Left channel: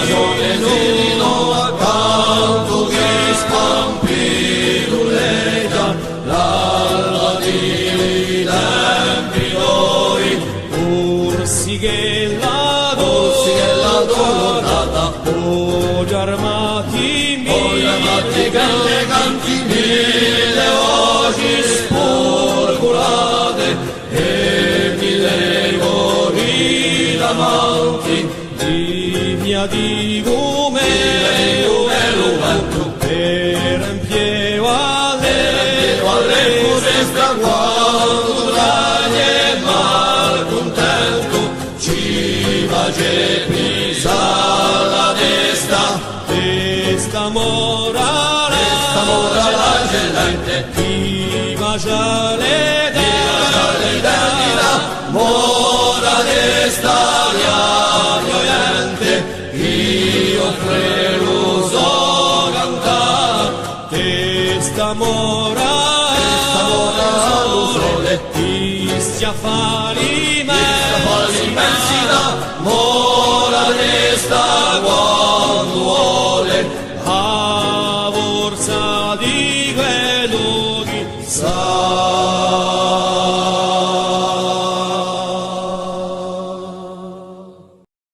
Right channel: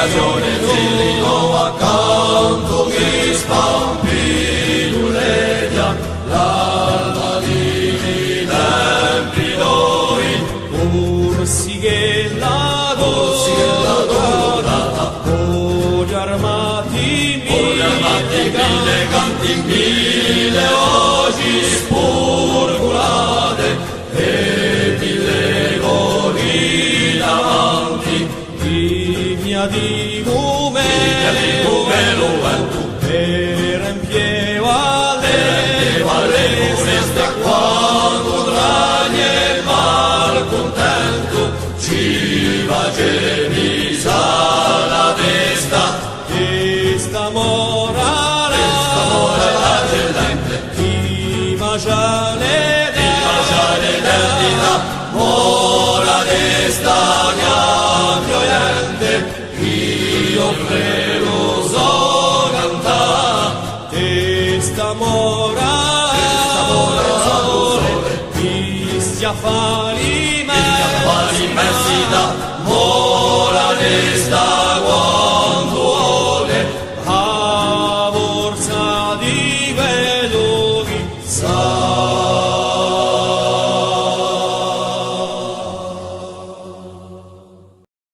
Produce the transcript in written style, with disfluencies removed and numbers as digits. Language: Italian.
ragione zilino accanto che spampirulleggia l'alba di Lempidoi Orsi che la dorata Poli armati mille canti mille voci spurgulate e mille cori davanti Divia di gume per empieu alle resta quando draghi e malcontento ci va che pisa la testa mora la gelente chi mangia le denti mora testa gnagnoiente io credo so cantare testa mora sole chi stia immensità mora testa quando vuole a forza di quello che sa